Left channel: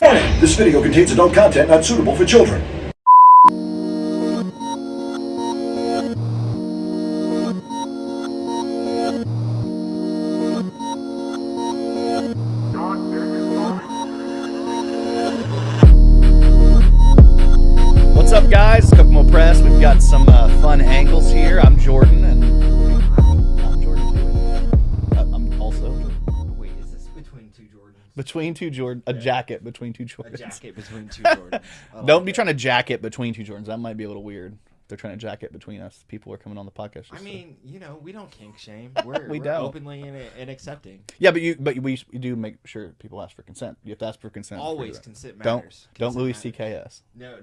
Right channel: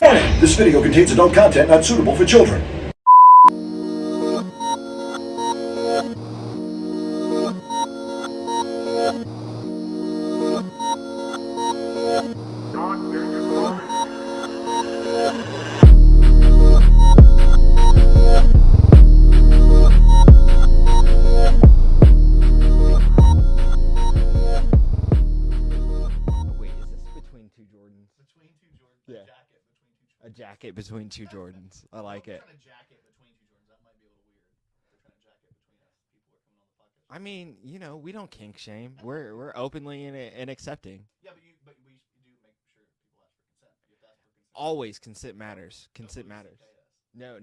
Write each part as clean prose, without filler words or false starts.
Warning! This video contains adult content not suitable for children. What's up, guys? Kokomo Press. We've got some fun angles here. I'm Jordan, and I'm Jordan too. I'm also Jordan. Wait, is this between two Jordans? Between two Jordan, a jacket between two Jordans. A jacket between two Jordans. Don't be trying to jacket between two Jordans. That might be a little weird. They're trying to jacket between us. People are coming on the podcast. I mean, we don't kink shame. We're We we're don't. openly and accepting. Yeah, but we do make sure people ask for consent. You have to ask for consent. Always consent matters. Don't Consent Louis matters. C.K. us. No.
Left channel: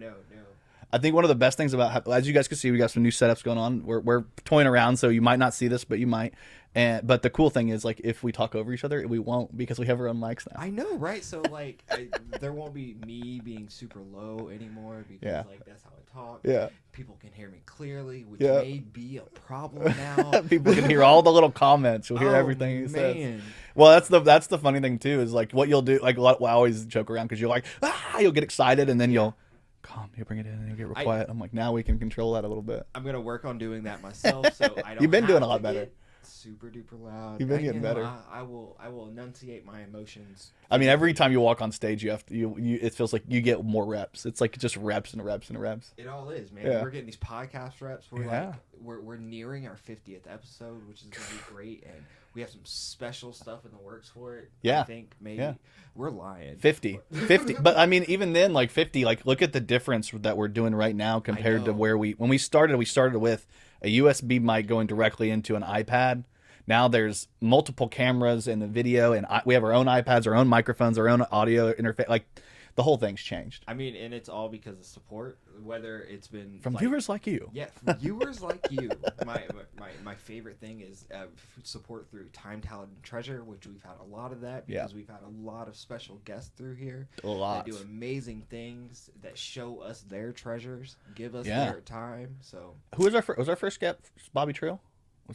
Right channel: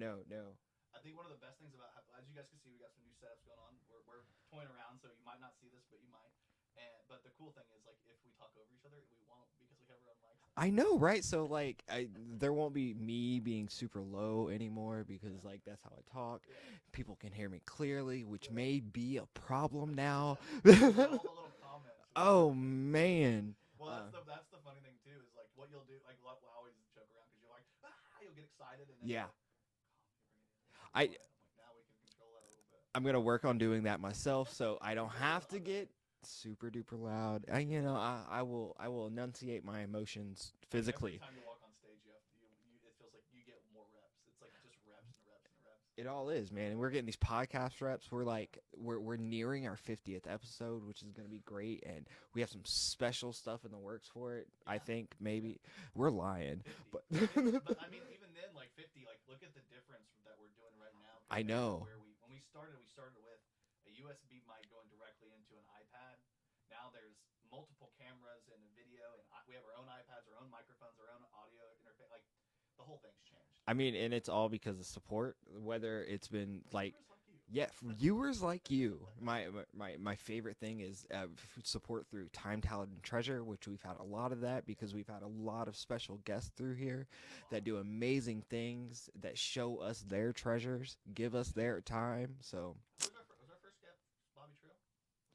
I think one of the best things about, as you guys can see, we got some new setups going on. We're toying around, so you might not see this, but you might. But the cool thing is, like, if we talk over each other, we won't, because we have our own mics now. I know, right? So like, there won't be me being super low anymore because like that's how I talk. Yeah. People can hear me clearly, which Yeah. may be a problem now. People can hear all the little comments. You'll hear everything you say. Man. Well, that's the funny thing too, is like what you'll do. Like, I always joke around because you're like, you'll get excited, and then you'll calm. You bring it in and you get real quiet. I'm like, now we can control that a little bit. I'm gonna work on doing that myself, so I don't. You've been have doing a to lot better. get super duper loud. You've been getting better. I will enunciate my emotions. I mean, every physically. time you walk on stage, you have to. You it feels like you get more reps. It's like just reps and reps and reps. It all is, man. Yeah. We're getting these podcast reps. We're Yeah. like, we're nearing our 50th episode, which is gonna be great, and we have some special stuff in the works for it. Yeah. I think maybe Yeah. we're lying. 50. But I mean, even then, like 50, like look at the difference that we're doing right now compared to know. where when we started with a USB mic going directly into an iPad. Now there's multiple cameras in the video, and we have our own iPads, our own microphones, our own audio interface. Like, the whole thing's changed. I mean, and it's all because of support, whether it's been From viewers like you. Yeah, from viewers like you. My favorite thing is support through Time, Talent, and Treasure, which we've had a lot of that because we've had a lot of special guests through here that do amazing things, that show us their treasures, give us their time. So who was our first guest? Bobby Trill?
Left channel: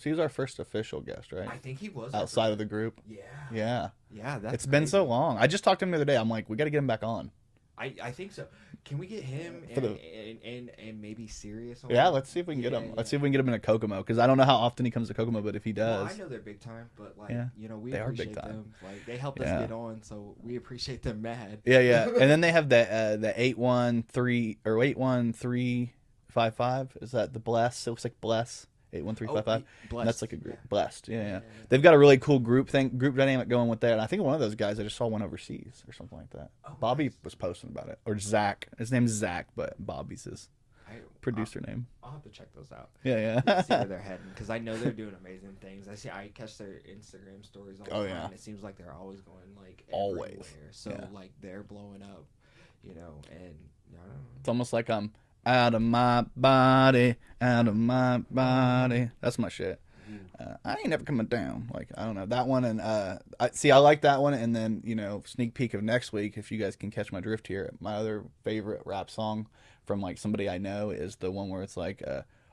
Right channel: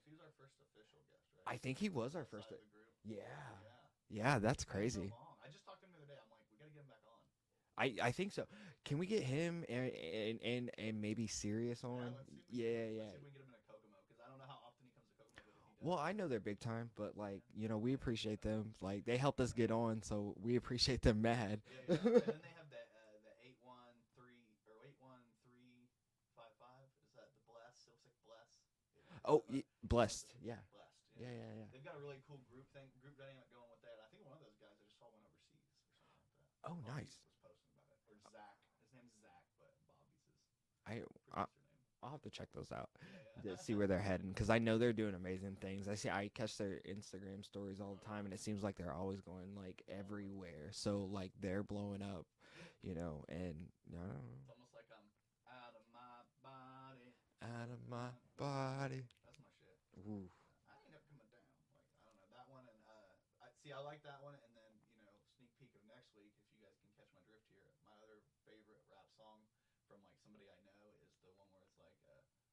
He was our first official guest, right? I think he was outside of the group. Yeah. That's it's been so long. I just talked to him the other day. I'm like, we got to get him back on. I think so. Can we get him and maybe Sirius on? Yeah, let's see if we can get him. Let's see if we can get him in a Kokomo, because I don't know how often he comes to Kokomo, but if he does. Well, I know they're big time, but like we they are big appreciate time. them. Like they helped us get on, so we appreciate them mad. Yeah. And then they have the 813 or 81355. Is that the Bless? It looks like Bless. 81355. Blessed. That's like a group. Blessed. Yeah. They've got a really cool group dynamic going with that. And I think one of those guys, I just saw one overseas or something like that. Oh, Bobby nice. was posting about it. Or Zach. His name's Zach, but Bobby's his producer name. I'll have to check those out. Yeah. See where they're heading, because I know they're doing amazing things. I catch their Instagram stories all the time. And it seems like they're always going like everywhere. So like they're blowing up, and I don't know. It's almost like I'm out of my body, out of my body. That's my shit. I ain't never coming down. Like, I don't know that one, and I like that one. And then sneak peek of next week, if you guys can catch my drift here. My other favorite rap song from like somebody I know is the one where it's like,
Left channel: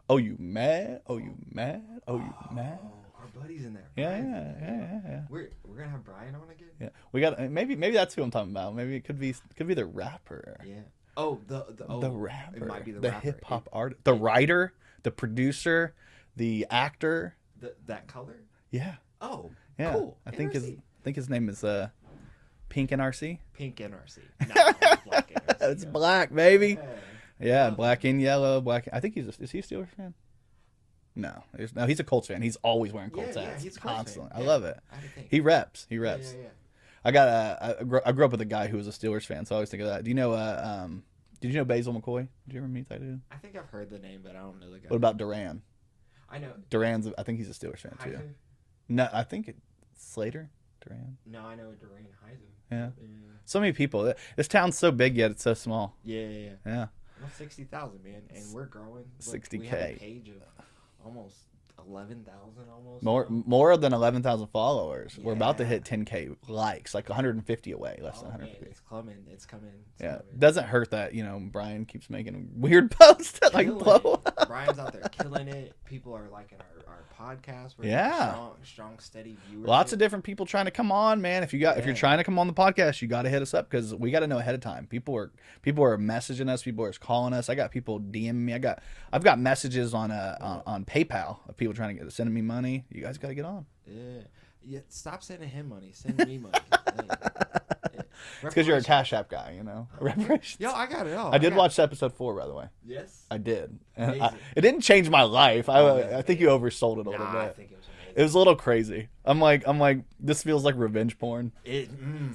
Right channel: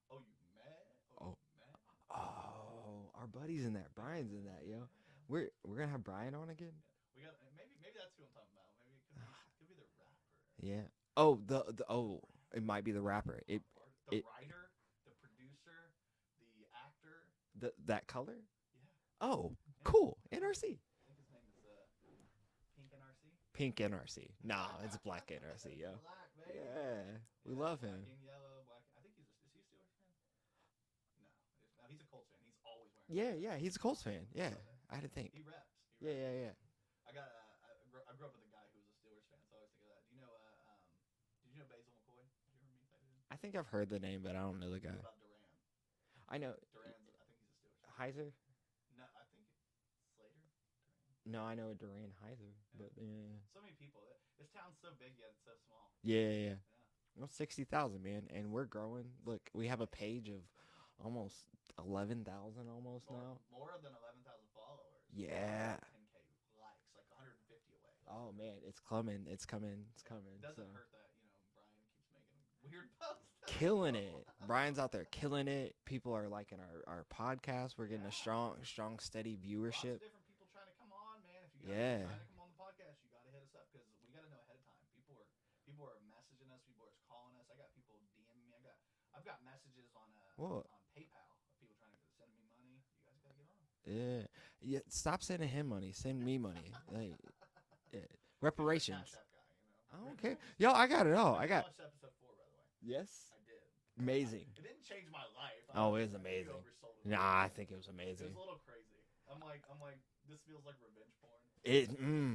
"Oh, you mad? Oh, you mad? Oh, you mad?" Our buddy's in there. Yeah. We're gonna have Brian on again. Yeah, we got maybe that's who I'm talking about. Maybe it could be the rapper. Yeah. Oh, the rapper. It might be the rapper. Hip hop artist, the writer, the producer, the actor. That color. Yeah. Oh, yeah. Cool. I think his name is Pink NRC. Pink NRC. No, it's Black NRC. It's black, baby. Yeah, black him. and yellow, black. I think is he a Steelers fan? No, he's a Colts fan. He's always wearing Colts hats. Yeah, he's a Colts constantly. fan. I love it. I had to think. He reps. Yeah. I grew up with a guy who was a Steelers fan, so I always think of that. Do you know did you know Basil McCoy? Did you ever meet that dude? I think I've heard the name, but I don't know the guy. What about Duran? I know I think he's a Steelers fan too. Heiser? No, I think it's Slater. Duran. No, I know Duran Heiser. Yeah. So many people. This town's so big yet it's so small. Yeah. Yeah. Well, 60,000, man, and we're growing. Look, 60K. we have a page of almost 11,000 almost. More than 11,000 followers. Yeah. We're about to hit 10K likes, like 150 away, less than 150. Man, it's coming. Coming. Doesn't hurt that Brian keeps making weird posts that blow up. Brian's out there killing it. People are liking our podcast. We're getting strong, steady viewership. Lots of different people trying to come on, man. If you're trying to come on the podcast, you got to hit us up because we got to know ahead of time. People are messaging us. People are calling us. I got people DMing me. I've got messages on PayPal of people trying to send me money. You guys got to get on. Yeah. Stop sending him money. Send me money. Because you're a Cash App guy, Yo, I got it all. I did watch episode 4, by the way. Yes, I did. Amazing. It didn't change my life. I think you oversold it a little bit. I think it was amazing. It was a little crazy. I'm like, this feels like revenge porn.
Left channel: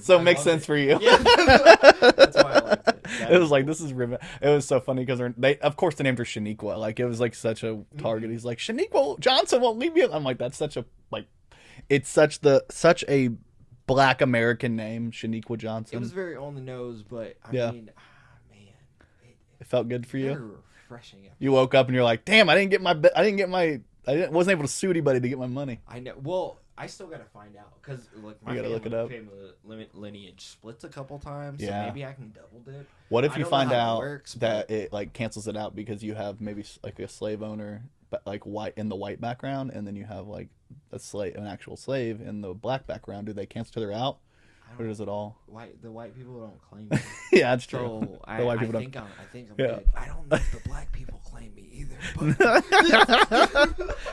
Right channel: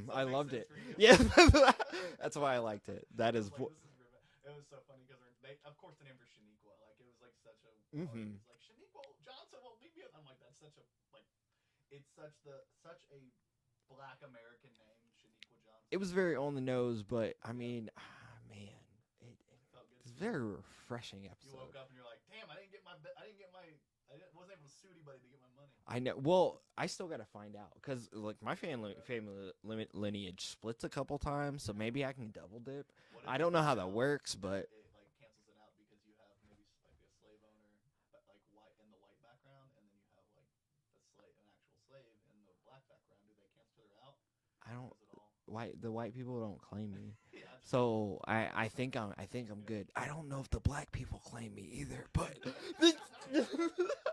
So it makes sense for you. Yeah, that's why I liked it. It was like, this is revenge. It was so funny because of course, they named her Shaniqua. Like, it was like such a target. He's like, Shaniqua Johnson won't leave you. I'm like, that's such a it's such a Black American name, Shaniqua Johnson. It was very on the nose, but I mean, man, it felt good for you. Very refreshing. You woke up and you're like, damn, I wasn't able to sue anybody to get my money. I know. Well, I still gotta find out because like my family lineage splits a couple times, so maybe I can double dip. What if you find out that it like cancels it out because you have maybe like a slave owner, but like white in the white background, and then you have like an actual slave in the black background? Do they cancel each other out? Or does it all? The white people don't claim me. Yeah, that's true. So I think I'm good. I don't know if the black people claim me either. But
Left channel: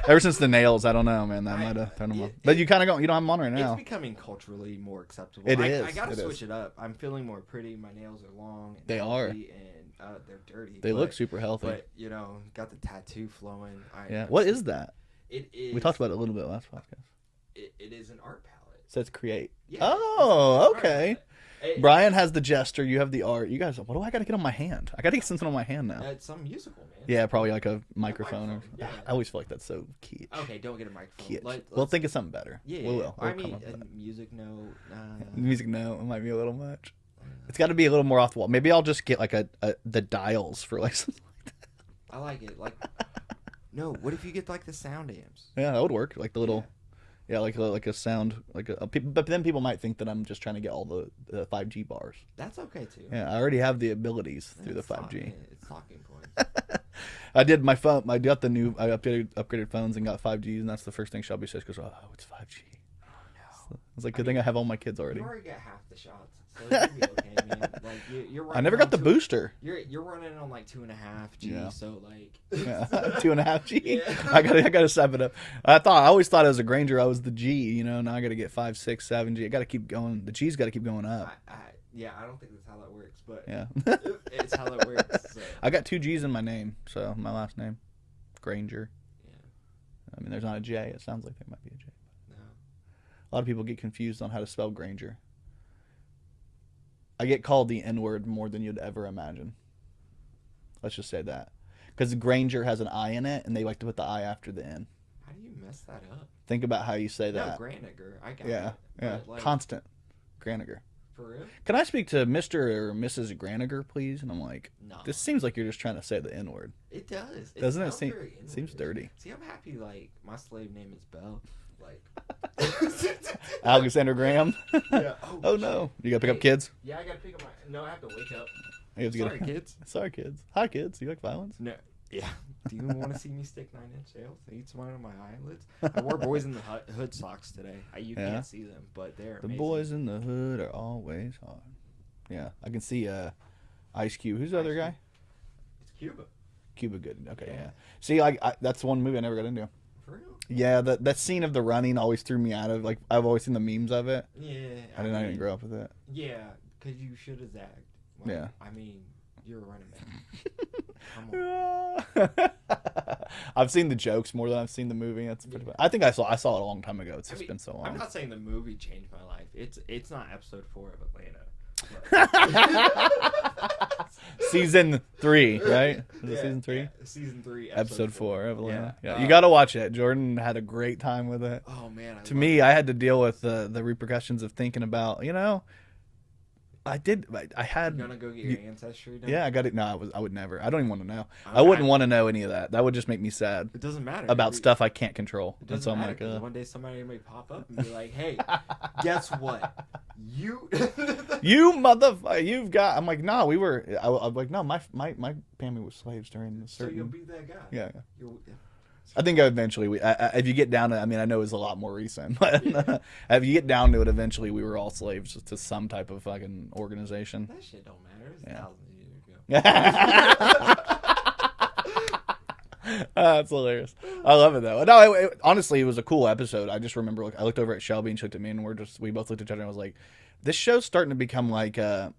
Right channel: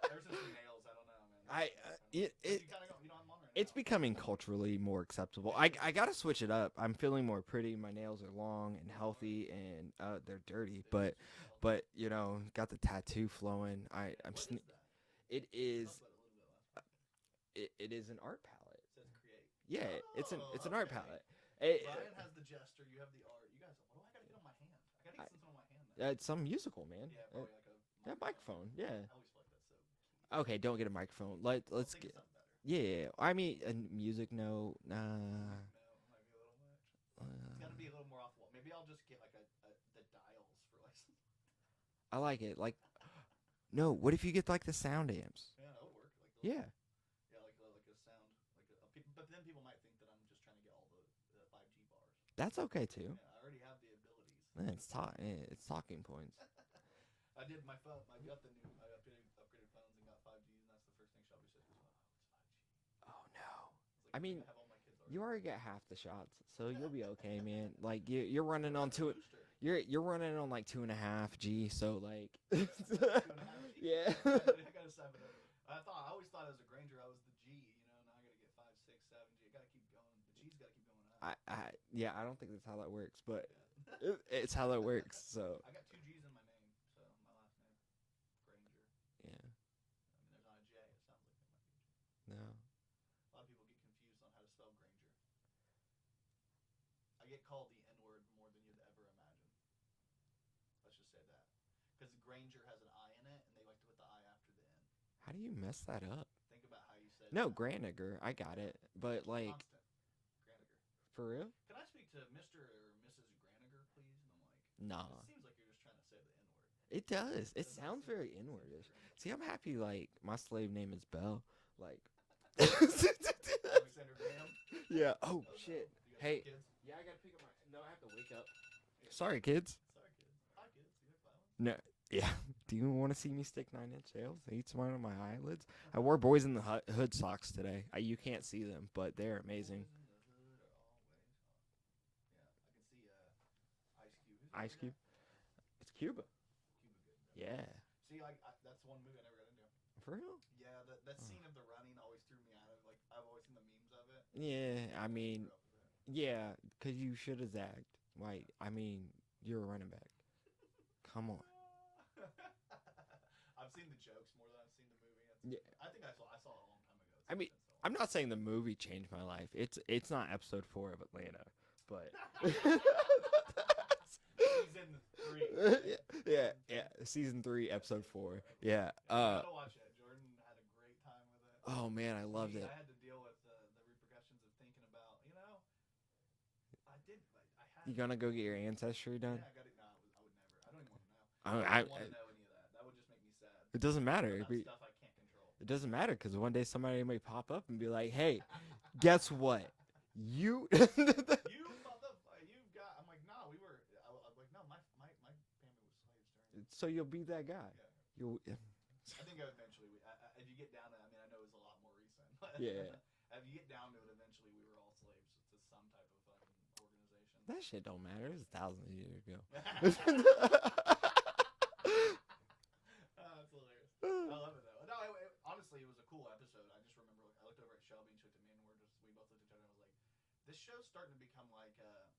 ever since the nails, I don't know, man. That might have turned them off. But you kind of you don't have them on right now. It's becoming culturally more acceptable. I gotta switch it up. I'm feeling more pretty. My nails are long. And healthy, and they're dirty. They look super healthy. But got the tattoo flowing. What is that? It is. We talked about it a little bit last podcast. It is an art palette. It says create. Yeah. Oh, okay. Brian has the gesture. You have the art. You guys, what do I got to get on my hand? I got to get something on my hand now. It's some musical, man. Yeah, probably like a microphone. Yeah. I always feel like that's so key. Okay, don't get a microphone. We'll think of something better. Yeah. We'll I mean, a music note. Music note. It might be a little much. It's got to be a little more off the wall. Maybe I'll just get like the dials for like something like that. I like it. Like, no. What if you get like the sound amps? Yeah, that would work. Like the little. Yeah, like a sound, but then people might think that I'm just trying to get all the 5G bars. That's okay too. Yeah, I already have the abilities through the 5G. It's talking points. I did my phone. I got I upgraded phones and got 5Gs, and that's the first thing Shelby says. Goes, oh, it's 5G. Oh no! It's like good thing I have all my kids already. You already got half the shots, so you'll be okay, man. Like you're running. I never got the booster. You're running on like 2.5 G, so like 2.5 G. Yeah. I gotta step it up. I always thought as a Grainger I was the G. Now I gotta get 5, 6, 7 G. I gotta keep going. The G's gotta keep going up. I don't think that's how that works, but yeah, it's how that works. So. I got 2 G's in my name, so my last name, Grainger. Yeah. I mean, there's not a J. It sounds like there might be a J. No. A lot of people get confused on how to spell Grainger. I get called the N-word more than you'd ever imagine. Let's just say that. Because Grainger has an I in it, and they like to put the I after the N. How do you mess that up? Think about how you say that. No, Graniger. I got it. But like, Constant. Graniger. For real? Can I speak to Mr. or Mrs. Graniger, please? And I'm like, no. This seems like you're just trying to say the N-word. It does. Doesn't it seems dirty. See, I'm happy, like, my slave name is Bell. Like... Alexander Graham? Yeah. Oh no. You gotta pick up kids? Yeah, I gotta pick up my... No, I have to wake up. Sorry, kids. Sorry, kids. Hi, kids. Do you like violence? No. Yeah. Do you want to see me stick 9-inch nails? Eat some out of my eyelids. I wore Boys in the Hood socks today. You can't see them, but they're amazing. The boys in the hood are always hard. Yeah, I can see Ice Cube. Who's the other guy? It's Cuba. Cuba Good. Okay, yeah. See, that's one movie I never got into. For real? Yeah, that scene of the running always threw me out of. Like, I've always seen the memes of it. Yeah, I didn't grow up with it. Yeah, because you should have zagged. Like, yeah. I mean, you're a running back. Come on. I've seen the jokes more than I've seen the movie. That's pretty bad. I think I saw it a long time ago. It's just been so long. I'm not saying the movie changed my life. It's not episode 4 of Atlanta. Season 3, right? Yeah, season 3? Yeah, season 3, episode 4 of Atlanta. Yeah. You got to watch it. Jordan had a great time with it. Oh man, to me, I had to deal with the repercussions of thinking about, I did. I had. You gonna go get your ancestry done? Yeah, I got it. No, I would never. I don't even want to know. I wouldn't want to know any of that. That would just make me sad. It doesn't matter about stuff I can't control. It doesn't matter because one day somebody may pop up and be like, "Hey, guess what? You motherfucker, you've got." I'm like, no, we were. I'm like, no, my family was slaves during the. So you'll be that guy. Yeah. Yeah. I think eventually if you get down to, I mean, I know it was a lot more recent, but if you get down to it, eventually we were all slaves to some type of fucking organization. That shit don't matter. It's thousands of years ago. That's hilarious. I love it though. No, honestly, it was a cool episode. I just remember, I looked over at Shelby and she looked at me, and we both looked at each other and I was like, this show's starting to become like I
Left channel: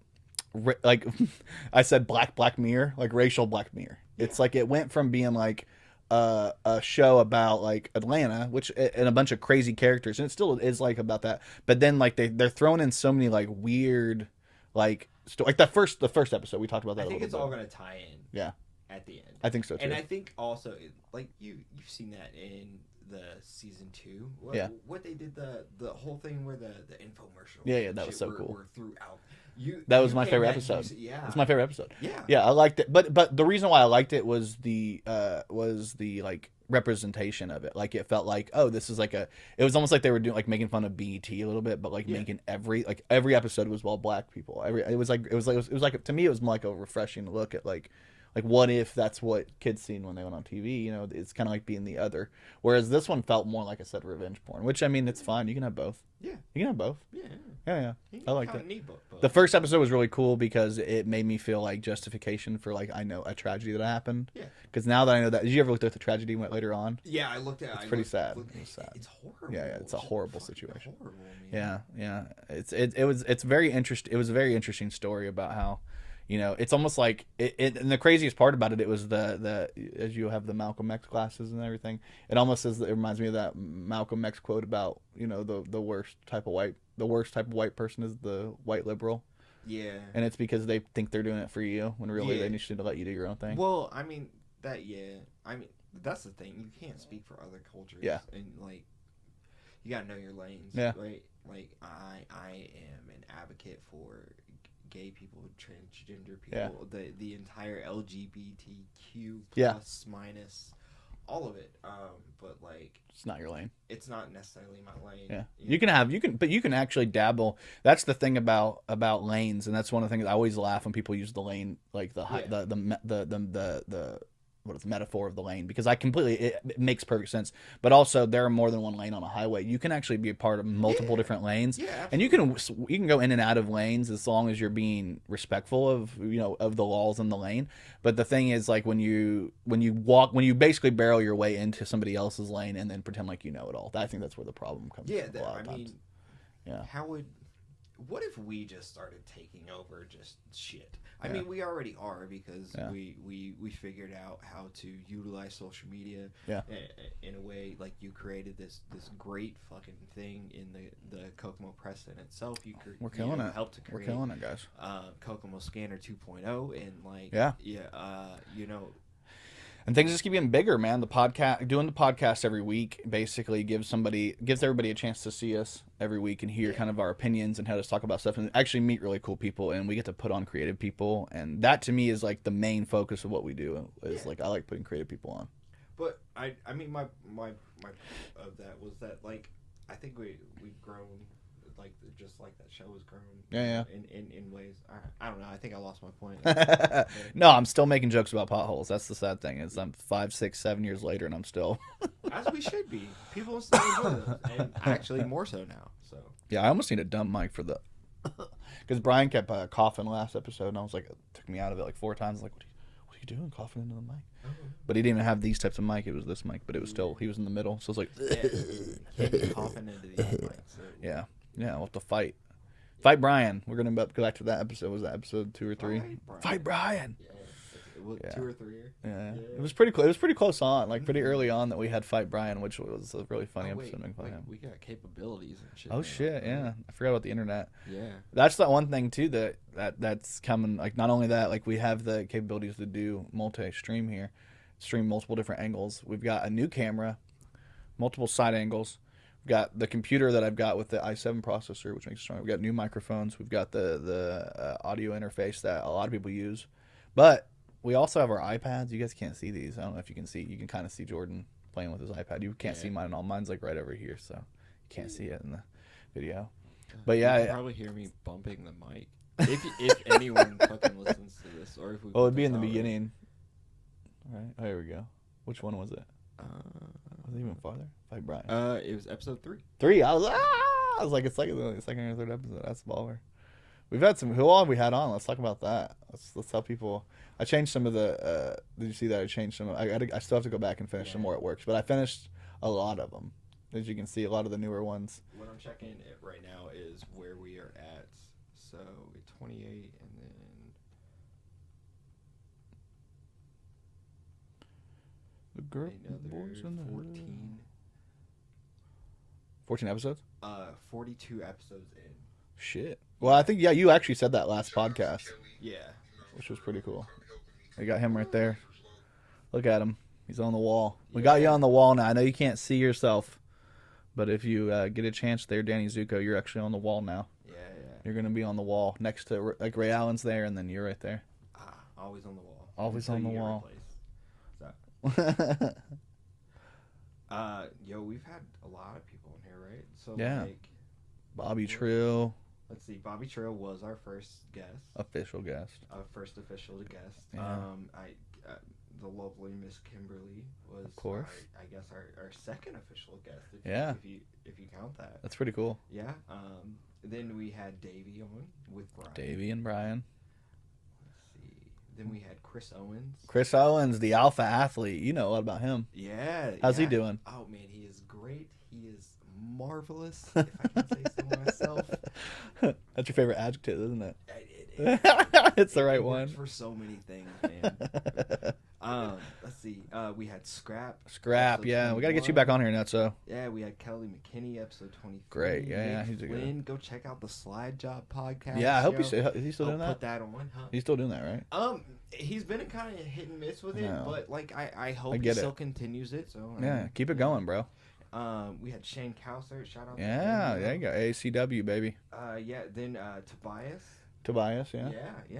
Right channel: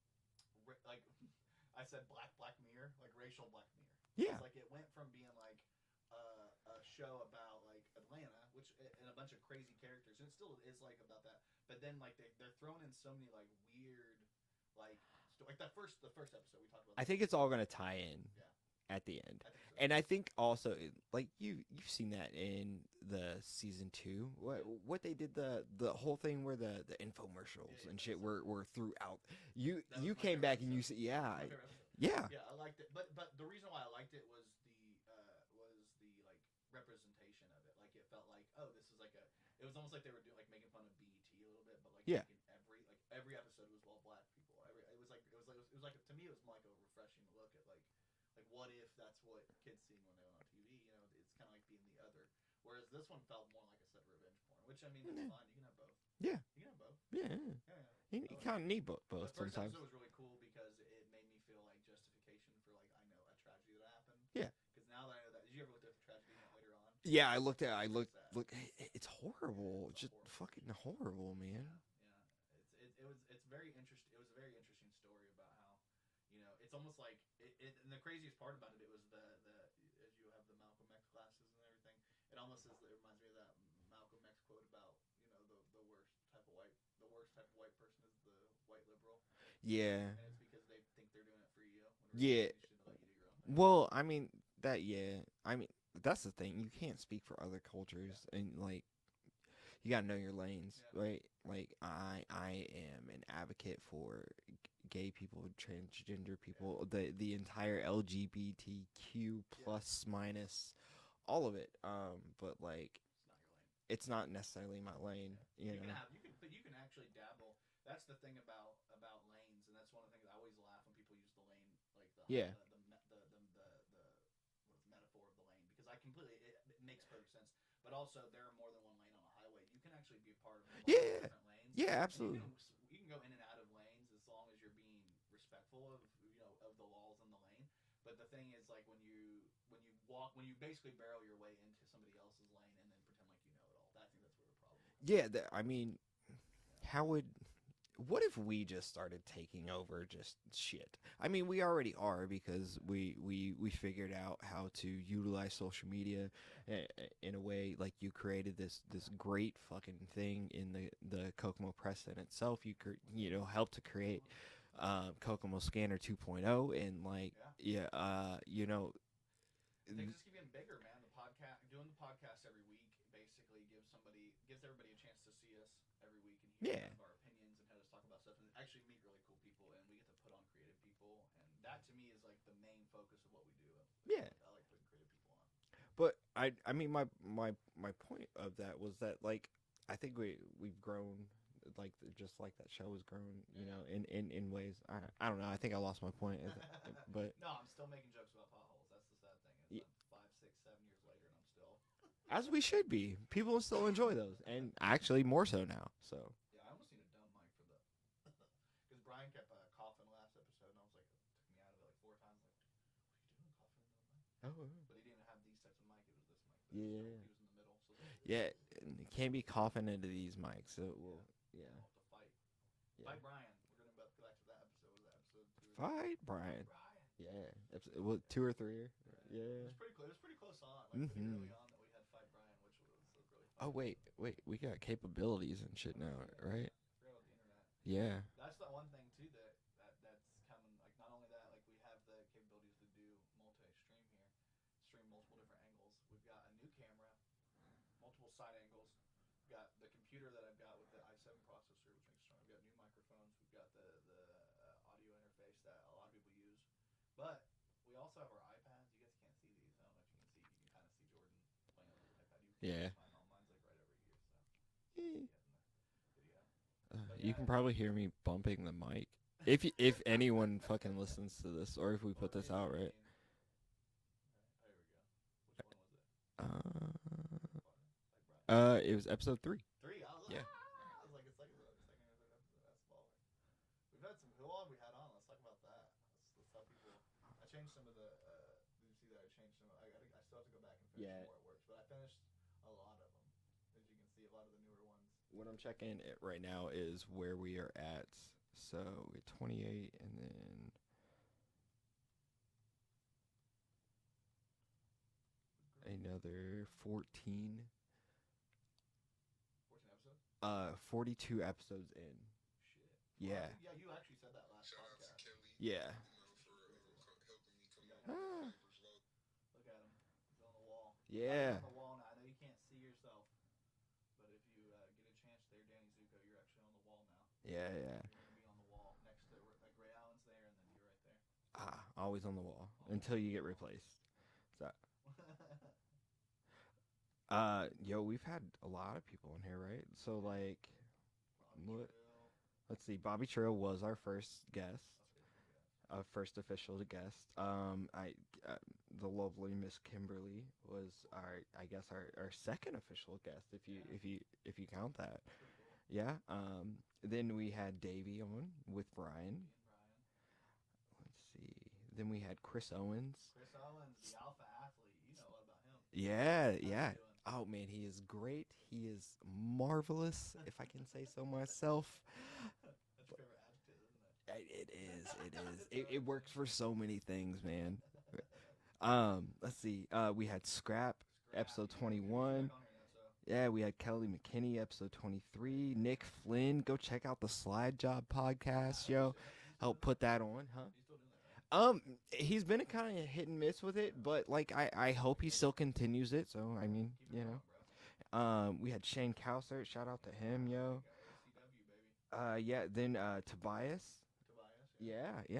said, Black Mirror, like racial Black Mirror. Yeah. It's like it went from being like a show about like Atlanta, which and a bunch of crazy characters, and it still is like about that. But then like they're throwing in so many like weird like the first episode we talked about that. I think it's all gonna tie in. Yeah. At the end, I think so too. And I think also like you've seen that in the season 2. What they did the whole thing where the infomercial. Yeah, that was so cool. Were throughout. That was my favorite episode. It's my favorite episode. Yeah, I liked it. But the reason why I liked it was the like representation of it. Like it felt like, oh, this is like it was almost like they were doing like making fun of BET a little bit, but like making every episode was all Black people. It was like to me it was more like a refreshing look at like what if that's what kids seen when they went on TV? You know, it's kind of like being the other. Whereas this one felt more like I said, revenge porn. Which I mean, it's fine. You can have both. Yeah, you can have both. Yeah. I like it. Need both. The first episode was really cool because it made me feel like justification for like I know a tragedy that happened. Yeah. Because now that I know that, did you ever look at the tragedy went later on? Yeah, I looked at. It's pretty sad. It's horrible. Yeah, it's a horrible situation. Horrible, man. Yeah. It's very interesting. It was a very interesting story about how. You know, it's almost like and the craziest part about it was the as you have the Malcolm X glasses and everything. It almost it reminds me of that Malcolm X quote about, you know, the worst type of white person is the white liberal. Yeah, and it's because they think they're doing it for you when really they need to let you do your own thing. Well, I mean that's the thing. You can't speak for other cultures. Yeah, and like you gotta know your lanes. Yeah, right. Like I am an advocate for gay people, transgender people, the entire LGBTQ plus minus all of it. But like it's not your lane. It's not necessarily my lane. Yeah. You can actually dabble. That's the thing about lanes, and that's one of the things I always laugh when people use the lane like the what is the metaphor of the lane, because it makes perfect sense. But also there are more than one lane on a highway. You can actually be a part of multiple different lanes. Yeah, absolutely. And you can go in and out of lanes as long as you're being respectful of of the laws in the lane. But the thing is, like when you basically barrel your way into somebody else's lane and then pretend like you know it all. I think that's where the problem comes. Yeah, what if we just started taking over just shit? I mean, we already are, because we figured out how to utilize social media in a way. Like you created this great fucking thing in the Kokomo Press in itself. Helped to create. We're killing it, guys. Kokomo Scanner 2.0 and like and things just keep getting bigger, man. Doing the podcast every week basically gives everybody a chance to see us every week and hear kind of our opinions and how to talk about stuff and actually meet really cool people, and we get to put on creative people, and that to me is like the main focus of what we do. Is like I like putting creative people on. But I mean my of that was that like I think we've grown. Like just like that show has grown in ways I don't know. I think I lost my point. No, I'm still making jokes about potholes. That's the sad thing, is I'm 5, 6, 7 years later and I'm still as we should be. People still enjoy those, and actually more so now. So yeah, I almost need a dumb mic for the because Brian kept coughing last episode, and I was like, it took me out of it like 4 times. Like, what are you doing, coughing into the mic? But he didn't even have these types of mic. It was this mic, but it was still, he was in the middle, so it's like can't be coughing into the mic. So Yeah, we'll have to fight. Fight Brian. We're going to go back to that episode. Was that episode 2 or 3? Fight Brian. Yeah. 2 or 3. Yeah. It was pretty close. It was pretty close on, like pretty early on, that we had Fight Brian, which was a really funny episode. Wait, we got capabilities and shit. Oh, now. Shit, yeah. I forgot about the internet. Yeah. That's the one thing, too, that's coming. Like, not only that, like, we have the capabilities to do multi-stream here, stream multiple different angles. We've got a new camera, multiple side angles. got the computer that I've got with the i7 processor, which makes it stronger. We've got new microphones. We've got the audio interface that a lot of people use. But we also have our iPads. You guys can't see these. I don't know if you can see. You can kind of see Jordan playing with his iPad. You can't see mine at all. Mine's like right over here, so you can't see it in the video. But yeah, you can probably hear me bumping the mic. If anyone fucking listens to this, or if we it'd be in the beginning. Right. Oh, here we go. Which one was it? Was it even farther? Fight Brian. It was episode 3. 3. I was like, it's like the second or third episode. That's baller. We've had some. Who all have we had on? Let's talk about that. Let's tell people. I changed some of the. Did you see that? I changed some. I still have to go back and finish some more at work, but I finished a lot of them. As you can see, a lot of the newer ones. What I'm checking it right now is where we are at. So 28, and then another 14. 14 episodes? 42 episodes in. Shit. Well, I think, you actually said that last podcast. Yeah. Which was pretty cool. We got him right there. Look at him. He's on the wall. We got you on the wall now. I know you can't see yourself, but if you get a chance there, Danny Zuko, you're actually on the wall now. Yeah. You're going to be on the wall next to, like, Ray Allen's there, and then you're right there. Always on the wall. Always on the wall. We've had a lot of people in here, right? So like Bobby Trill. Let's see. Bobby Trill was our first guest. Official guest. First official guest. Yeah. The lovely Miss Kimberly was, of course, I guess our second official guest. If you count that. That's pretty cool. Yeah. Then we had Davey on with Brian. Davey and Brian. Then we had Chris Owens. Chris Owens, the alpha athlete. You know a lot about him. Yeah. How's he doing? Oh, man, he is great. He is marvelous, if I can say so myself. That's your favorite adjective, isn't it? It's the right one. For so many things, man. Let's see. We had Scrap. Yeah. We got to get you back on here, Nutso. Yeah, we had Kelly McKinney, episode 23. Great, yeah. Nick Flynn, go check out the Slide Job podcast. Yeah, I hope he's still doing that. I'll put that on. Huh? He's still doing that, right? He's been kind of hit and miss with it, but like I hope he still continues it. So keep it going, bro. We had Shane Cowsert. Shout out to him. Yeah, there you go. ACW, baby. Then Tobias. Yeah.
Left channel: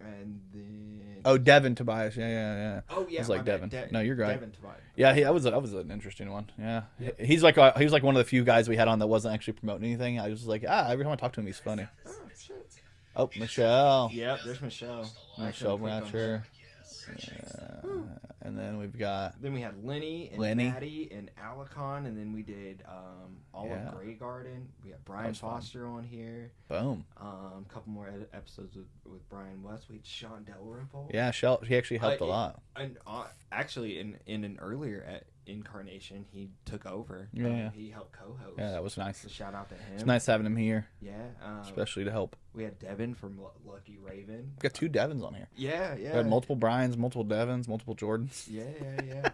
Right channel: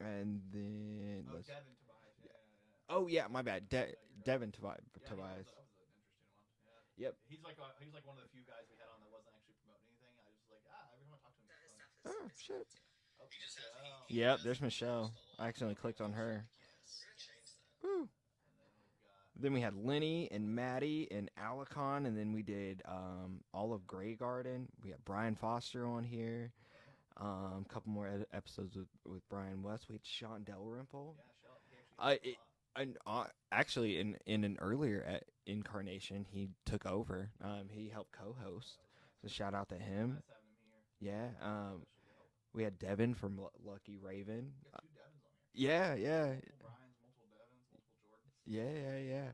And then Devin Tobias. Yeah. Oh yeah, like Devin. No, you're right. Devin Tobias. Yeah, that was an interesting one. Yeah. Yep. He was like one of the few guys we had on that wasn't actually promoting anything. I was just like, every time I talk to him, he's funny. Oh shit. Oh, Michelle. Yep, there's Michelle. Michelle Blanchard. Yeah. And then we've got. Then we had Lenny and Maddie and Alicon, and then we did Olive Grey Garden. We had Brian Foster on here. Boom. A couple more episodes with Brian West. We had Sean Dalrymple. Yeah, he actually helped a lot. And actually, in an earlier incarnation, he took over. Yeah. He helped co-host. Yeah, that was nice. So shout out to him. It's nice having him here. Yeah. Especially to help. We had Devin from Lucky Raven. We got 2 Devins on here. Yeah. We had multiple Brians, multiple Devins, multiple Jordans. Yeah.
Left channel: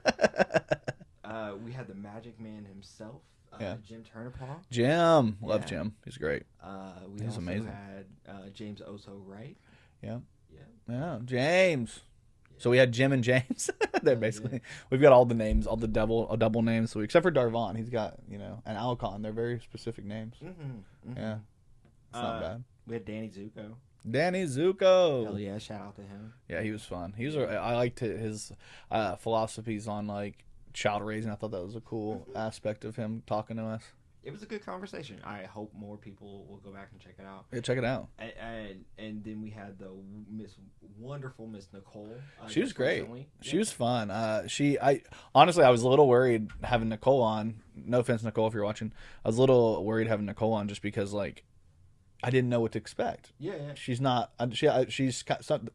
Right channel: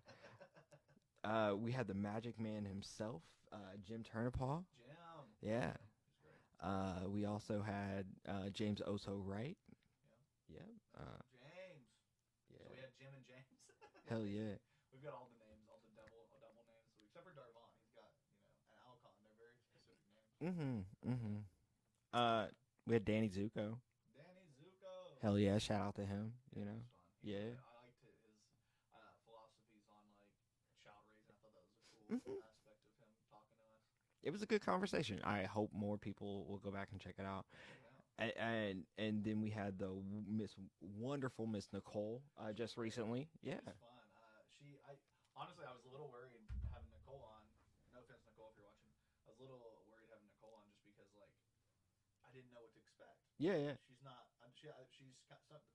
We had the Magic Man himself, Jim Turnipaw. Jim. Love Jim. He's great. He's also amazing. Had James Oso Wright. Yeah, James. So we had Jim and James. They're basically we've got all the names, all the double names. So except for Darvon, he's got and Alcon. They're very specific names. Mm-hmm. Yeah, it's not bad. We had Danny Zuko. Hell yeah! Shout out to him. Yeah, he was fun. I liked his philosophies on like child raising. I thought that was a cool aspect of him talking to us. It was a good conversation. I hope more people will go back and check it out. Yeah, check it out. And then we had the wonderful Miss Nicole. She was great. Recently. She was fun. Honestly, I was a little worried having Nicole on. No offense, Nicole, if you're watching. I was a little worried having Nicole on just because like I didn't know what to expect. Yeah. She's not. She's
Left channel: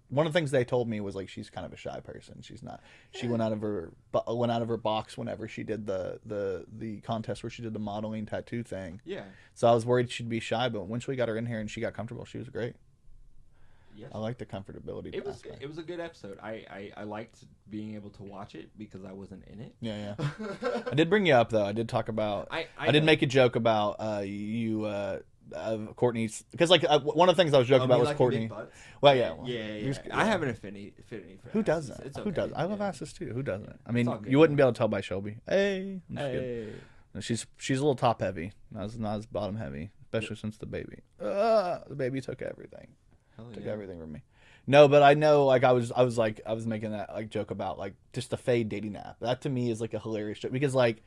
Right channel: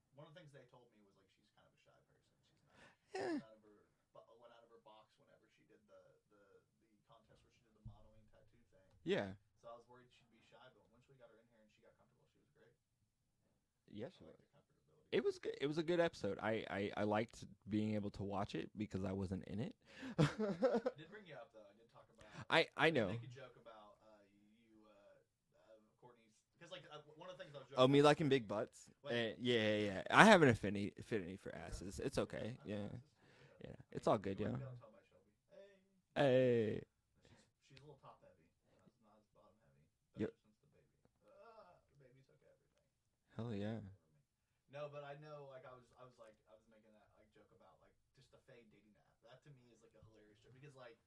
one of the things they told me was like she's kind of a shy person. She's not. She went out of her box whenever she did the contest where she did the modeling tattoo thing. Yeah. So I was worried she'd be shy, but once we got her in here and she got comfortable, she was great. Yes. I liked the comfortability. It was good. It was a good episode. I liked being able to watch it because I wasn't in it. Yeah. I did bring you up though. I did talk about. I did make a joke about you. Courtney's because like one of the things I was joking about was like Courtney. Big butts? Well, yeah. I have an affinity for who doesn't? It's okay. Who does? I love asses too. Who doesn't? I mean, good, you wouldn't be able to tell by Shelby. Hey. She's a little top heavy, not as bottom heavy, especially since the baby. The baby took everything. Hell yeah. Took everything from me. No, but I know, like, I was making that, like, joke about, like, just the fade dating app. That to me is, like, a hilarious joke because, like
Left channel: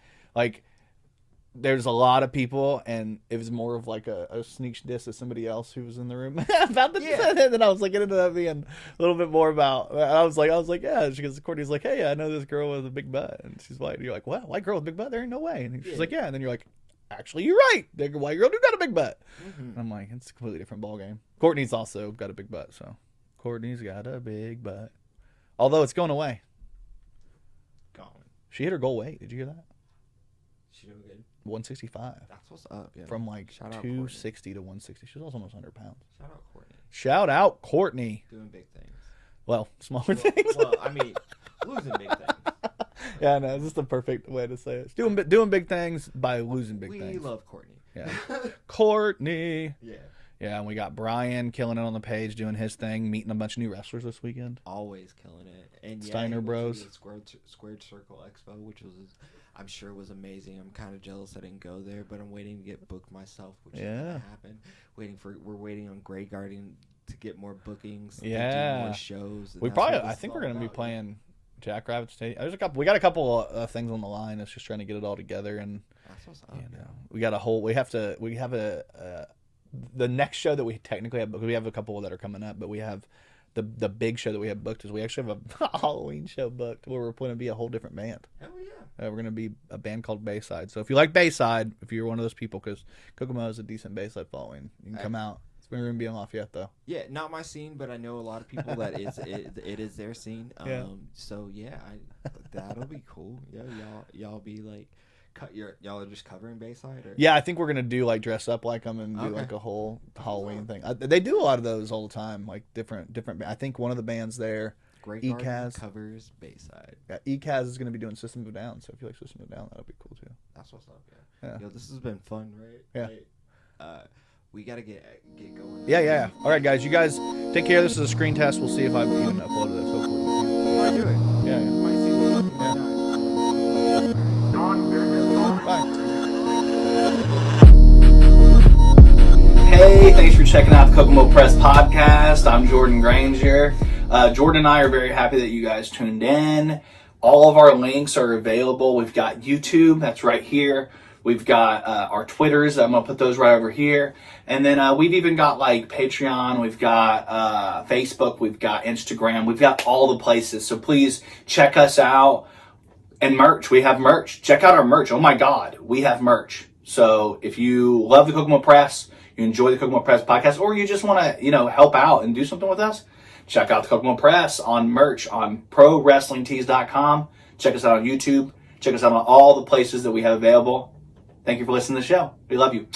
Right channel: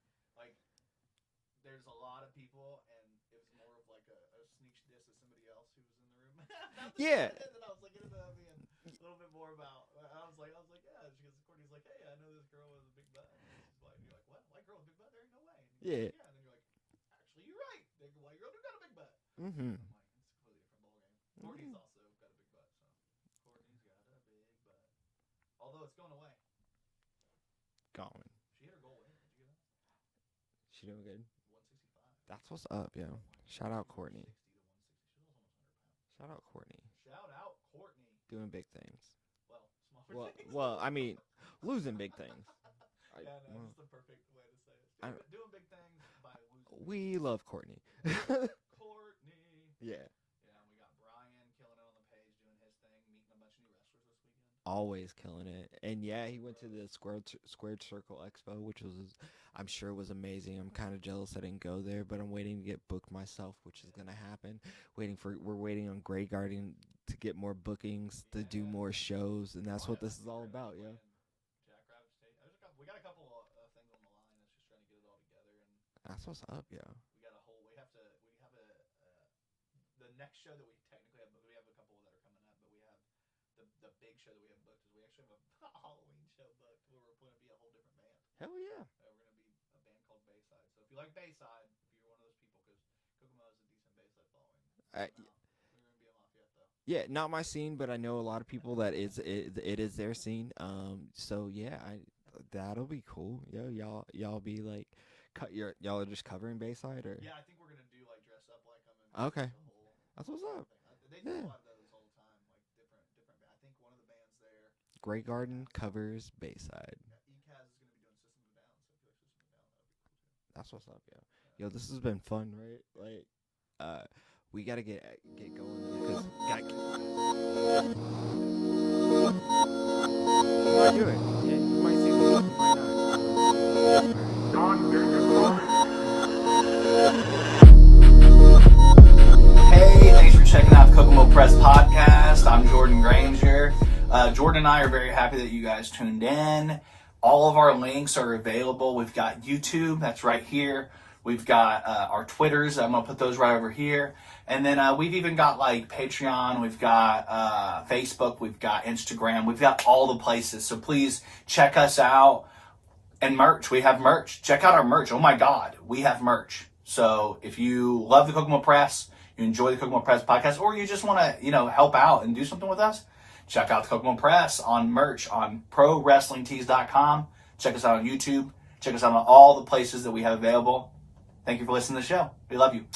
there's a lot of people, and it was more of like a sneak diss of somebody else who was in the room about the and then I was like, it ended up being a little bit more about. I was like, yeah. Because Courtney's like, hey, I know this girl with a big butt, and she's white. And you're like, what? White girl with a big butt? There ain't no way. And she's like, yeah. And then you're like, actually, you're right. The white girl do got a big butt. And I'm like, it's a completely different ball game. Courtney's also got a big butt, so Courtney's got a big butt. Although it's going away. Gone. She hit her goal weight. Did you hear that? She doing good. 165. That's what's up, yeah. From like Shout 260 to 160. She's also almost 100 pounds. Shout out Courtney. Shout out Courtney. Doing big things. Well, smaller things. Well, I mean, losing big things. Yeah, no, it's just the perfect way to say it. Doing big things by losing big things. We love Courtney. Yeah. Courtney. Yeah. Yeah, and we got Brian killing it on the page, doing his thing, meeting a bunch of new wrestlers this weekend. Always killing it. And Steiner Bros. The Squared Circle Expo, which was, I'm sure was amazing. I'm kind of jealous I didn't go there, but I'm waiting to get booked myself, which is gonna happen. We're waiting on Grey Guardian to get more bookings, to do more shows. And I think we're gonna be playing Jackrabbit State. We got a couple of things on the line. It's just trying to get it all together, and that's what's up. The next show that we technically have, because we have a couple that are coming up, but we have the big show that we have booked is we actually have a Halloween show booked where we're going to be a whole different band. Hell yeah. We're going to be a band called Bayside. So if you like Bayside, if you're one of those people, because Kokomo has a decent Bayside following, you can come out. We're going to be on Lafayette though. Yeah, not my scene, but I know a lot of people that it is their scene. So yeah, that'll be cool. Yeah, y'all be like. Y'all are just covering Bayside, or yeah, I think we're gonna do like dress up like them and do like a whole Halloween thing. They do a lot of those all the time, like different. I think one of the bands there, Grainger and Jordan covers Bayside. Yeah, ECAS is gonna be doing System of a Down, so if you like System of a Down, that'll be cool too. That's what's up. Yeah. Yo, this has been fun, right? Yeah. We gotta get going. Yeah. All right, guys. You guys take care. This is a screen test. We'll see if I've even uploaded this. Hopefully, we can. You might do it. Yeah. You might see this. You might not. All right. Bye. Hey, thanks for checking out the Kokomo Press Podcast. I'm Jordan Grainger. Jordan and I are very happy that you guys tuned in. All of our links are available. We've got YouTube, that's right here. We've got our Twitters. I'm going to put those right over here. And then we've even got like Patreon. We've got Facebook. We've got Instagram. We've got all the places. So please check us out. And merch. We have merch. Check out our merch. Oh my God. We have merch. So if you love the Kokomo Press, you enjoy the Kokomo Press podcast, or you just want to, help out and do something with us, check out the Kokomo Press on merch on ProWrestlingTees.com. Check us out on YouTube. Check us out on all the places that we have available. Thank you for listening to the show. We love you.